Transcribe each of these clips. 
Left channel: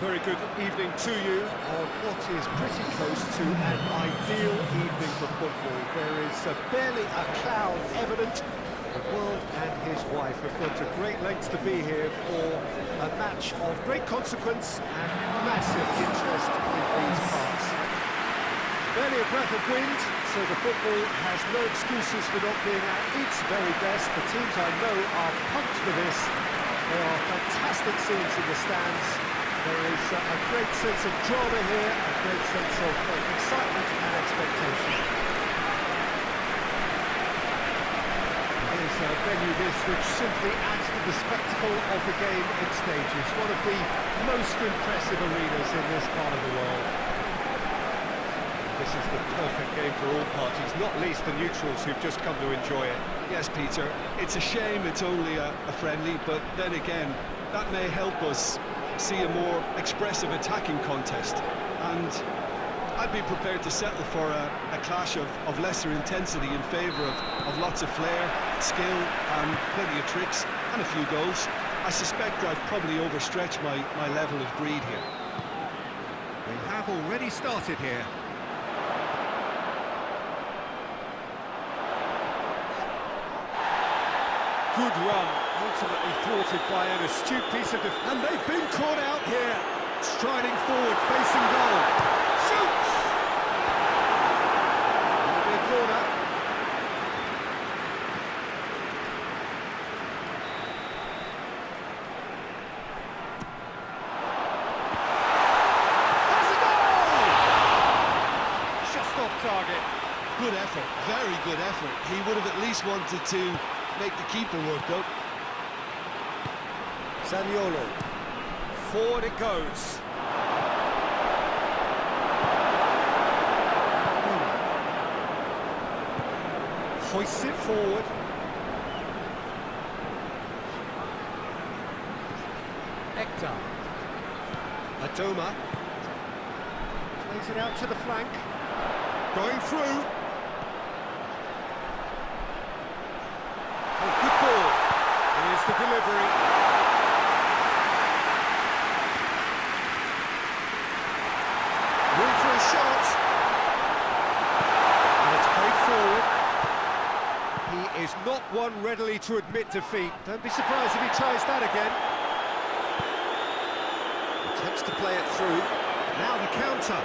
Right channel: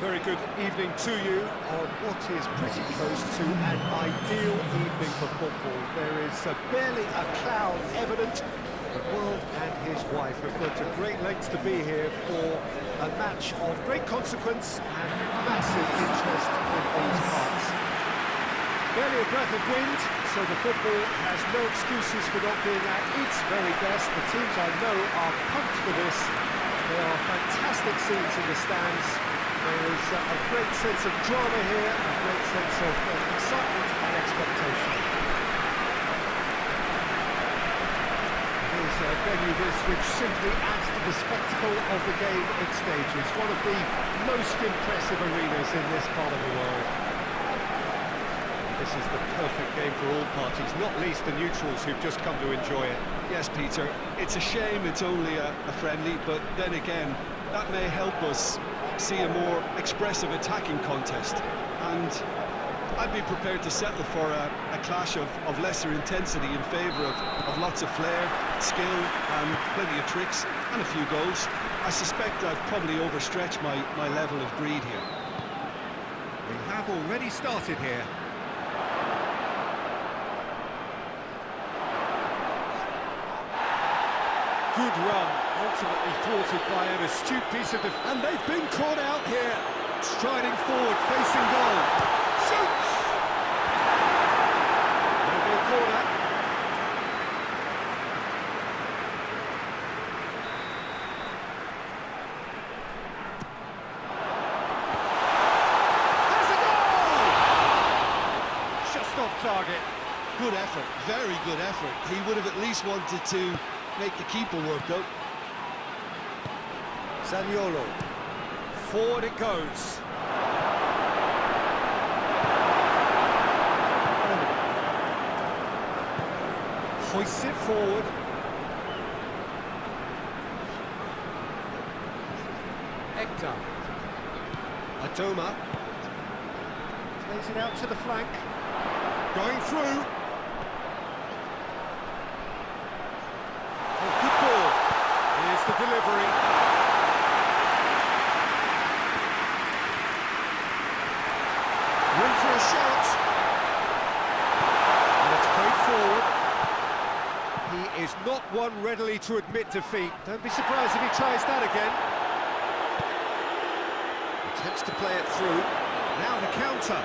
Very good evening to you on what is pretty close to an ideal evening for football. There is barely a cloud evident. The world and his wife have gone to great lengths to be here for a match of great consequence and massive interest in these parts. Barely a breath of wind, so the football has no excuses for not being at its very best. The teams I know are pumped for this. There are fantastic scenes in the stands. There is a great sense of drama here, a great sense of excitement and expectation. Here's a venue which simply adds to the spectacle of the game it stages. One of the most impressive arenas in this part of the world. This is the perfect game for all parties, not least the neutrals who've just come to enjoy it. Yes, Peter, it's a shame it's only a friendly, but then again, that may help us see a more expressive attacking contest, and I'd be prepared to settle for a clash of lesser intensity in favour of lots of flair, skill and plenty of tricks and a few goals. I suspect I've probably overstretched my level of greed here. We have already started here. Good run, ultimately thwarted by an astute piece of defence. And they've been caught out here. Striding forward, facing goal. Shoots! It'll be a corner. Has a goal! Just off target. Good effort, very good effort. He would have at least wanted to make the keeper work though. Zaniolo. Forward it goes. Hoists it forward. Hector. Adoma. Plays it out to the flank. Going through. Oh, good ball. Here's the delivery. Room for a shot. And it's played forward. He is not one readily to admit defeat. Don't be surprised if he tries that again. Attempts to play it through. Now the counter.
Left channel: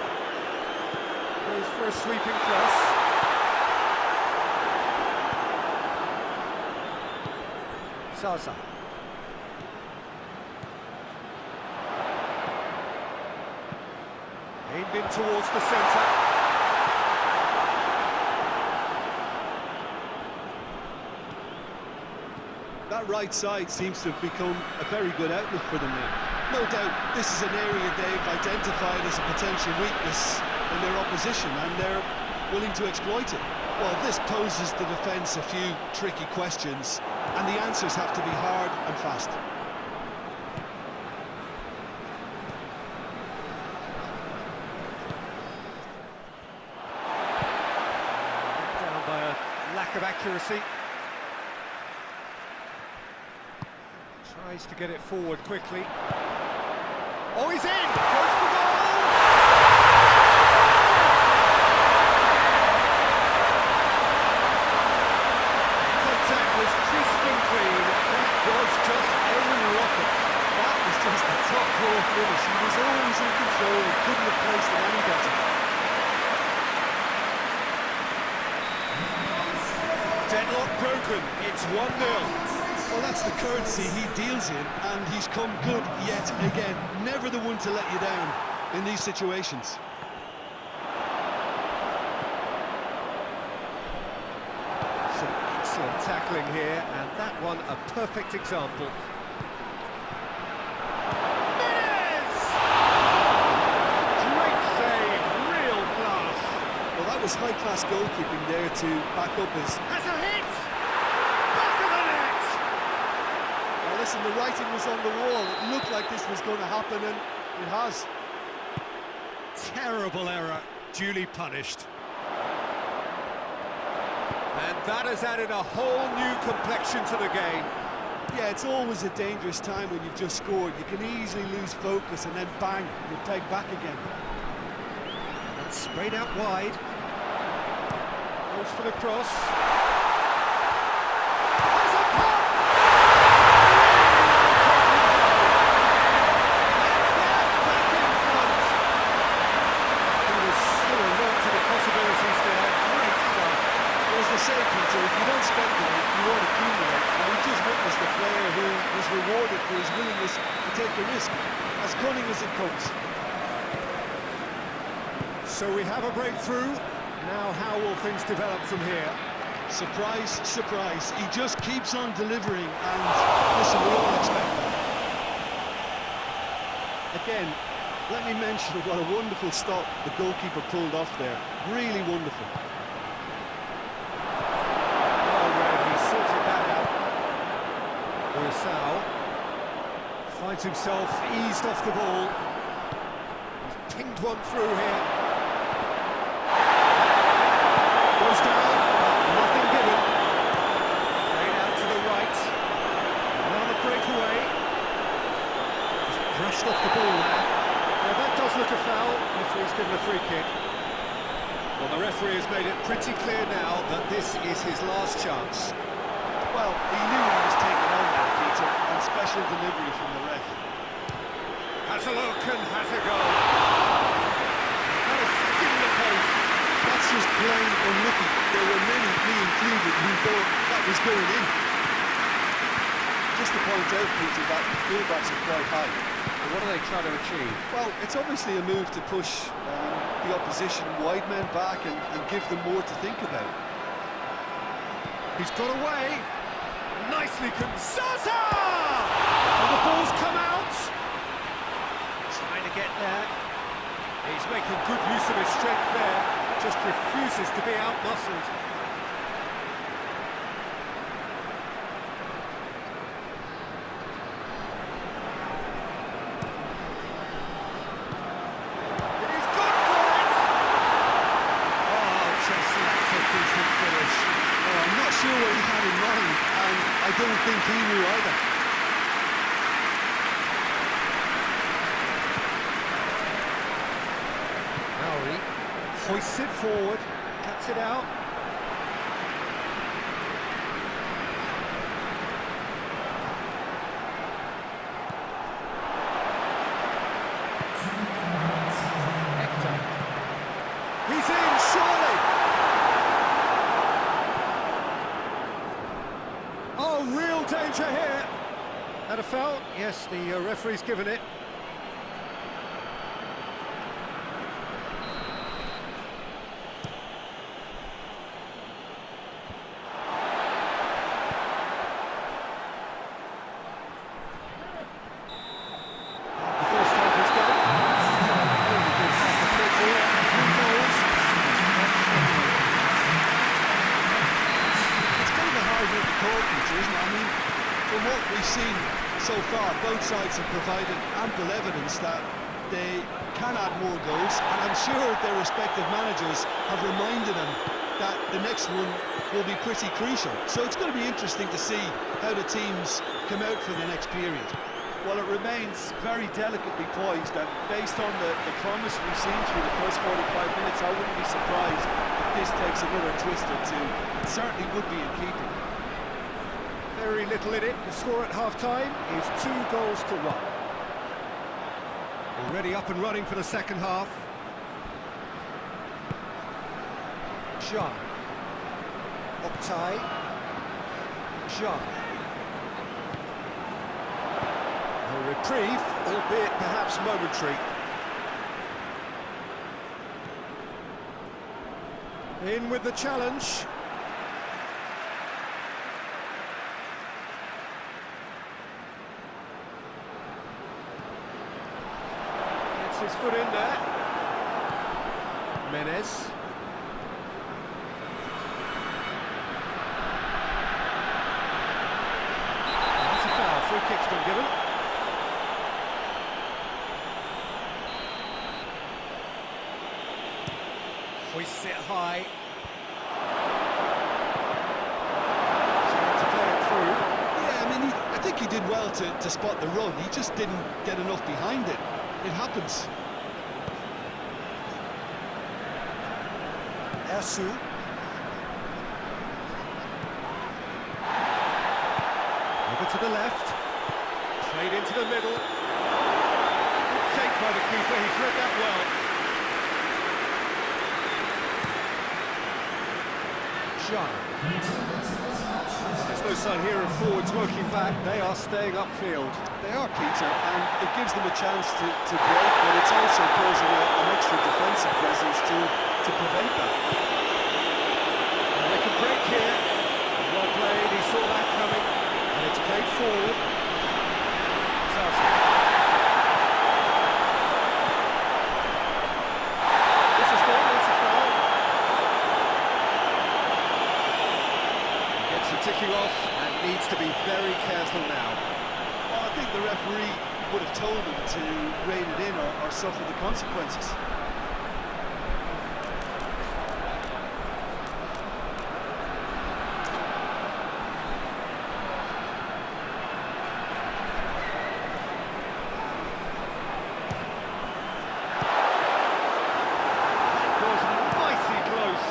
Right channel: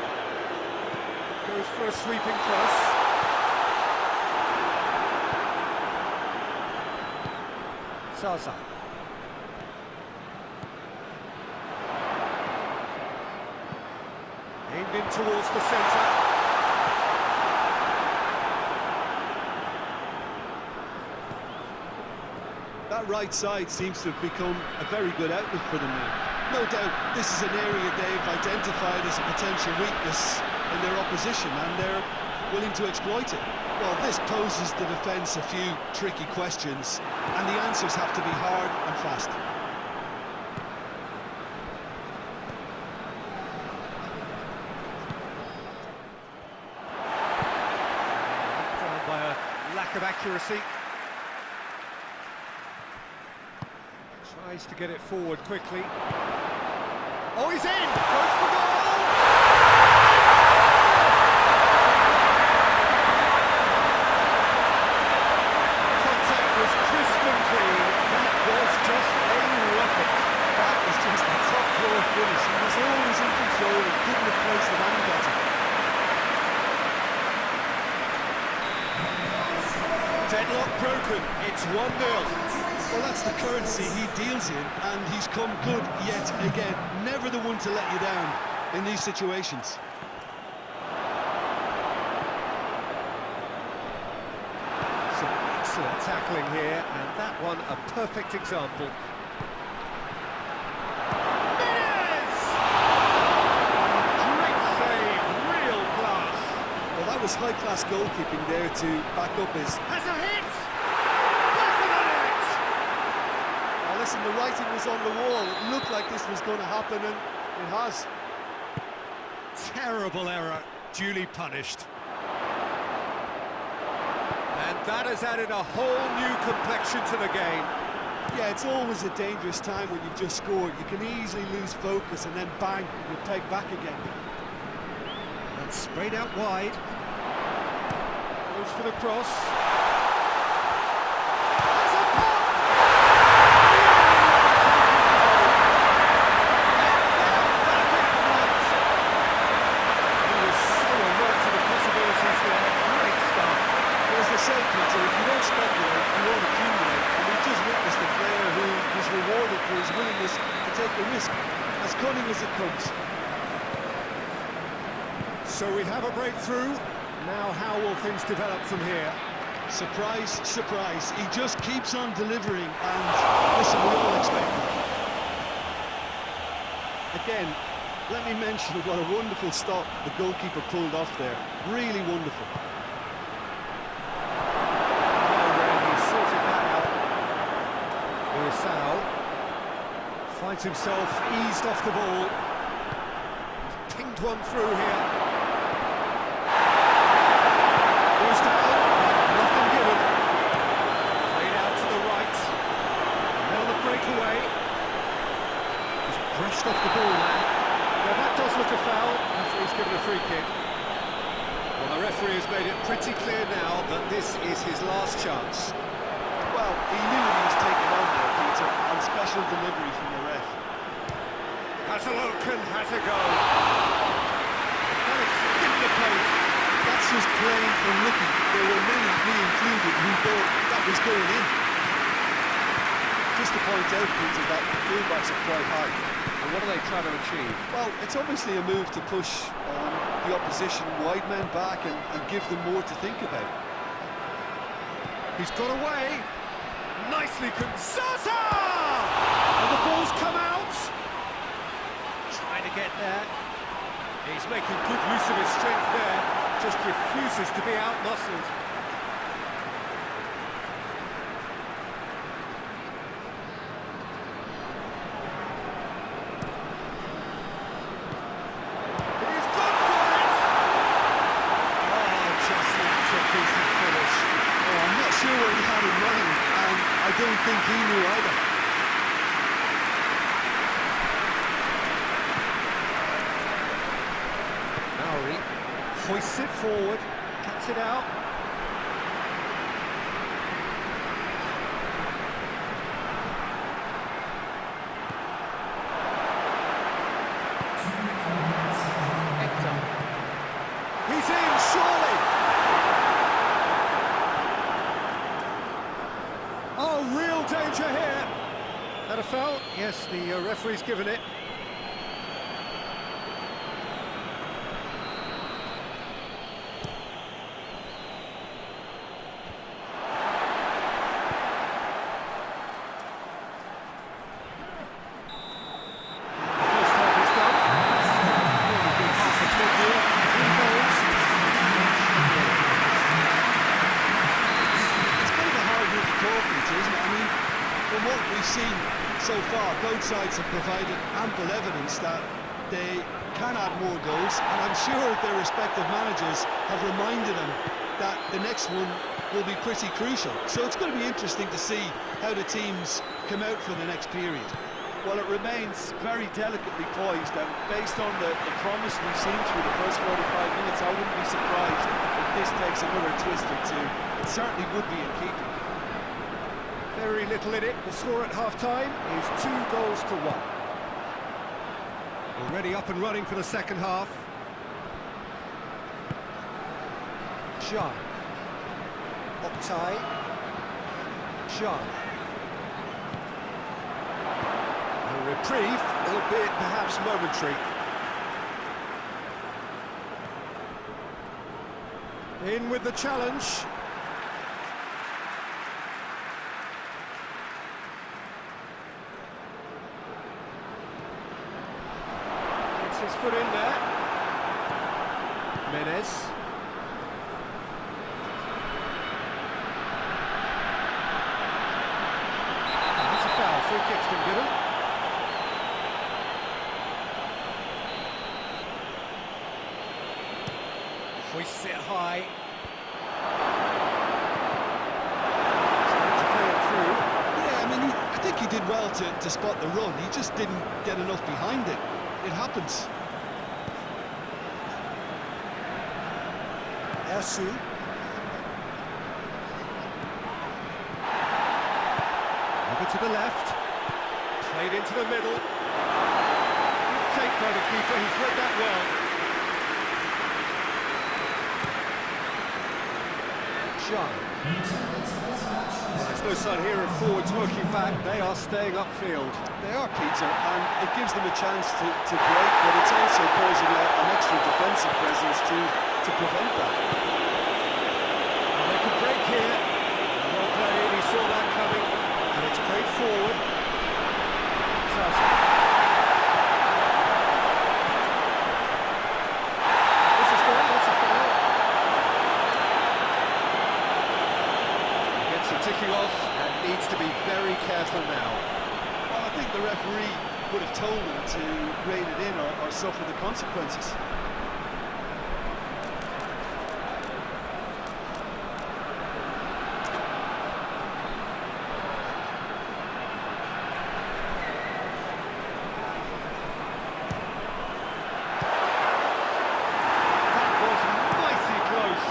Goes for a sweeping cross. Zaza. Aimed in towards the centre. That right side seems to have become a very good outlet for them now. No doubt this is an area they've identified as a potential weakness in their opposition, and they're willing to exploit it. Well, this poses the defence a few tricky questions, and the answers have to be hard and fast. Down by a lack of accuracy. Tries to get it forward quickly. Oh, he's in! Goes for goal! Was crisp and clean. That was just a rocket. That was just a top drawer finish. He was always in control and couldn't have placed it any better. Deadlock broken. It's 1-0. Well, that's the currency he deals in, and he's come good yet again. Never the one to let you down in these situations. Excellent tackling here, and that one a perfect example. Menez! Great save, real class. Well, that was high-class goalkeeping there to back up his... Has a hit! Back of the net! Oh, listen, the writing was on the wall. It looked like this was going to happen, and it has. Terrible error, duly punished. And that has added a whole new complexion to the game. Yeah, it's always a dangerous time when you've just scored. You can easily lose focus and then bang, you're pegged back again. That's sprayed out wide. Goes for the cross. Has a pop! Really well taken goal. And they're back in front. He was so alert to the possibilities there. Great stuff. Well, as they say, Peter, if you don't speculate, you won't accumulate. And we've just witnessed a player who was rewarded for his willingness to take a risk, as cunning as it comes. So we have a breakthrough. Now how will things develop from here? Surprise, surprise. He just keeps on delivering, and listen, we all expect that. Again, let me mention what a wonderful stop the goalkeeper pulled off there. Really wonderful. Well read, he sorted that out. Ursao finds himself eased off the ball. He's pinged one through here. Goes down, but nothing given. Played out to the right. And now the breakaway. He's brushed off the ball there. Yeah, that does look a foul. Referee's given a free kick. Well, the referee has made it pretty clear now that this is his last chance. Well, he knew what he was taking on there, Peter, and special delivery from the ref. Has a look and has a go. That is skinned the post. That's just plain unlucky. There were many, me included, who thought that was going in. Just to point out, Peter, that fullbacks are quite high. And what are they trying to achieve? Well, it's obviously a move to push the opposition wide men back and give them more to think about. He's got away. Nicely Zaza! And the ball's come out. Trying to get there. He's making good use of his strength there. Just refuses to be out-muscled. He's gone for it! Oh, just lacked a decent finish. Oh, I'm not sure what he had in mind, and I don't think he knew either. Maori hoists it forward, cuts it out. Hector. He's in, surely! Oh, real danger here! That a foul? Yes, the referee's given it. Peter, isn't it? I mean, from what we've seen so far, both sides have provided ample evidence that they can add more goals, and I'm sure their respective managers have reminded them that the next one will be pretty crucial. So it's going to be interesting to see how the teams come out for the next period. Well, it remains very delicately poised, and based on the promise we've seen through the first 45 minutes, I wouldn't be surprised if this takes another twist or two. It certainly would be in keeping. Very little in it. The score at half-time is 2-1. Already up and running for the second half. Shah. Oktay. Shah. A reprieve, albeit perhaps momentary. In with the challenge. Gets his foot in there. Menez. That's a foul. Free kick's been given. Hoists it high. Trying to play it through. Yeah, I mean, I think he did well to spot the run. He just didn't get enough behind it. It happens. Ersu. Over to the left. Played into the middle. Good take by the keeper, he's read that well. Shah. Well, there's no sign here of forwards working back, they are staying upfield. They are, Peter, and it gives them a chance to break, but it's also posing an extra defensive presence to prevent that. And they can break here. Well played, he saw that coming, and it's played forward. Zaza. This is good, that's a foul. He gets the ticking off and needs to be very careful now. Well, I think the referee would have told him to rein it in or suffer the consequences. Mighty close.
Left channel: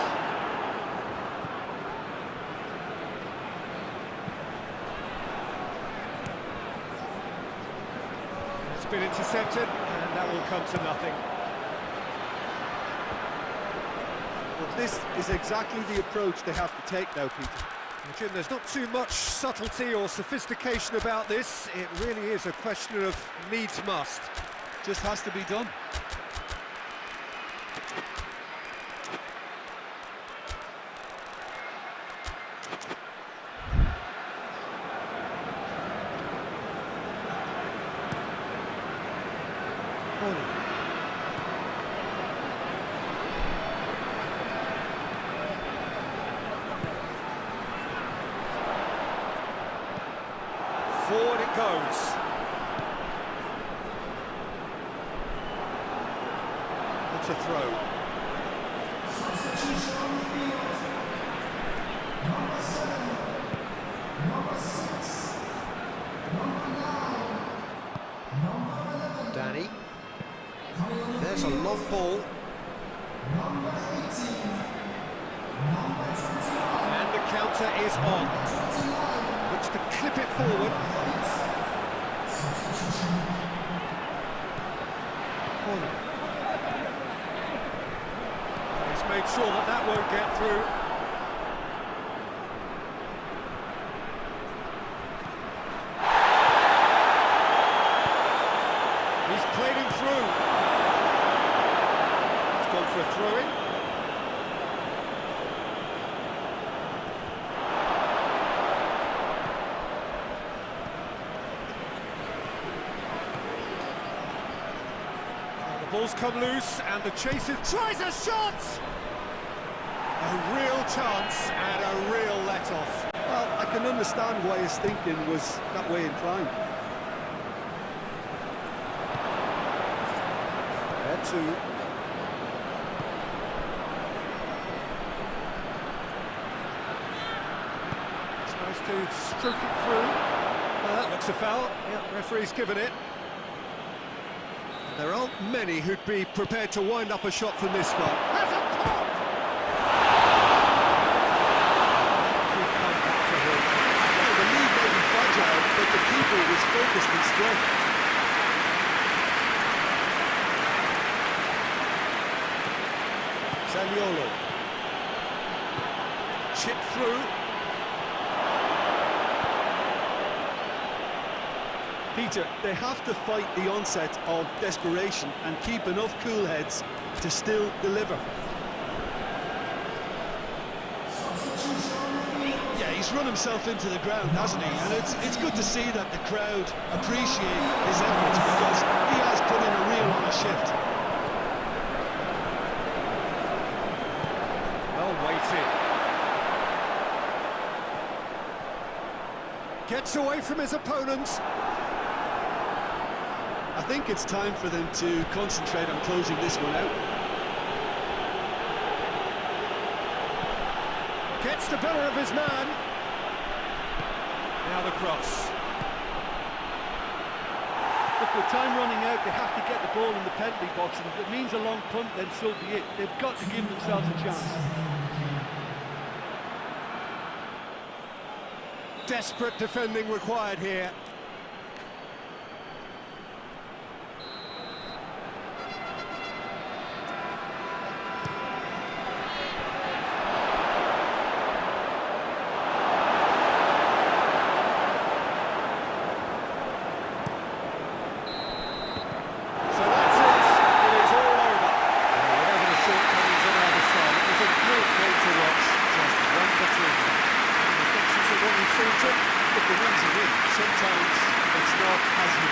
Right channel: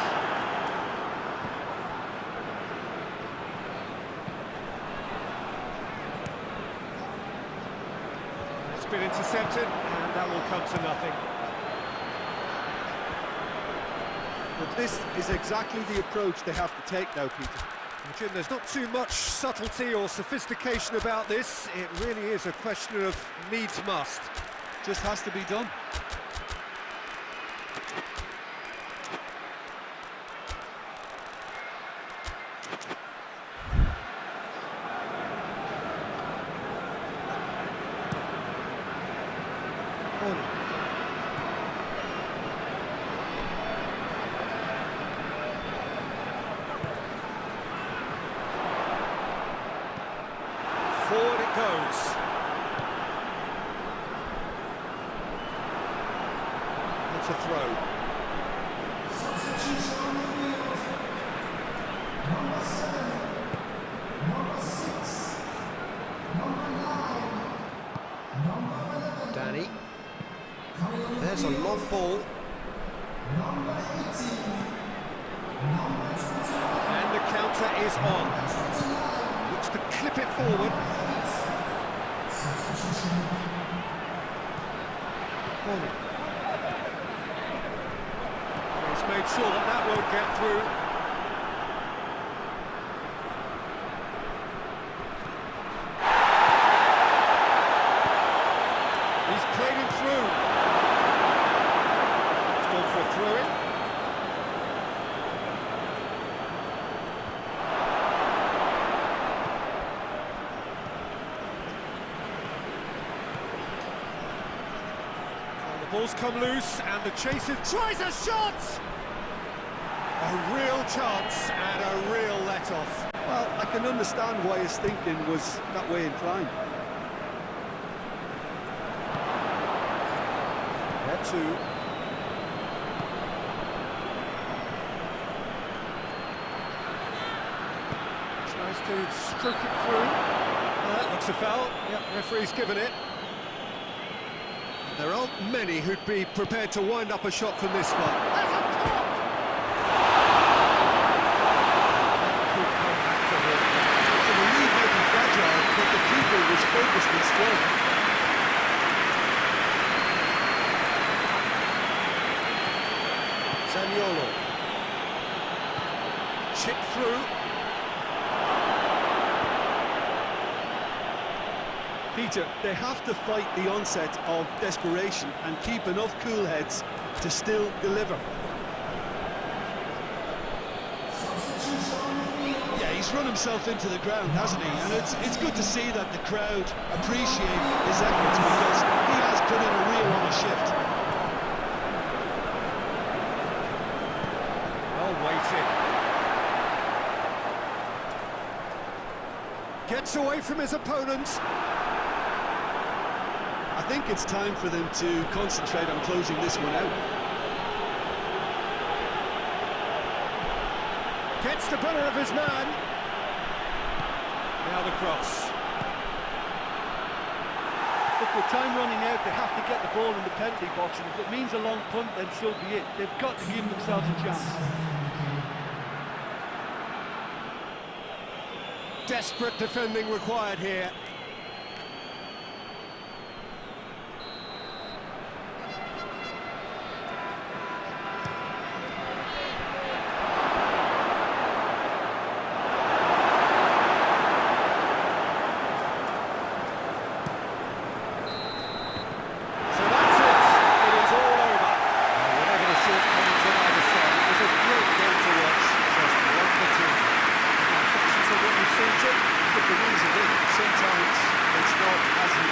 It's been intercepted, and that will come to nothing. But this is exactly the approach they have to take now, Peter. Jim, there's not too much subtlety or sophistication about this. It really is a question of needs must. Just has to be done. Forward it goes. It's a throw. Danny. There's a long ball. And the counter is on. Looks to clip it forward. Corner. He's made sure that that won't get through. He's played him through. He's gone for a throw-in. The ball's come loose, and the chaser tries a shot! A real chance and a real let-off. Well, I can understand why his thinking was that way inclined. There too. Tries to stroke it through. That looks a foul. Yep, referee's given it. There aren't many who'd be prepared to wind up a shot from this far. That's a pop! That could come back to him. Well, the lead may be fragile, but the keeper was focused and strong. Zaniolo. Chip through. Peter, they have to fight the onset of desperation and keep enough cool heads to still deliver. Yeah, he's run himself into the ground, hasn't he? And it's good to see that the crowd appreciate his efforts, because he has put in a real honest shift. Well weighted. Gets away from his opponent. I think it's time for them to concentrate on closing this one out. Gets the better of his man. Now the cross. Look, with time running out, they have to get the ball in the penalty box, and if it means a long punt, then so be it. They've got to give themselves a chance. Desperate defending required here. So that's it. It is all over. Whatever the shortcomings on either side, it was a great game to watch. Just one between them. Any reflections on what you've seen, Jim? Look, the win's a win. Sometimes it's not as you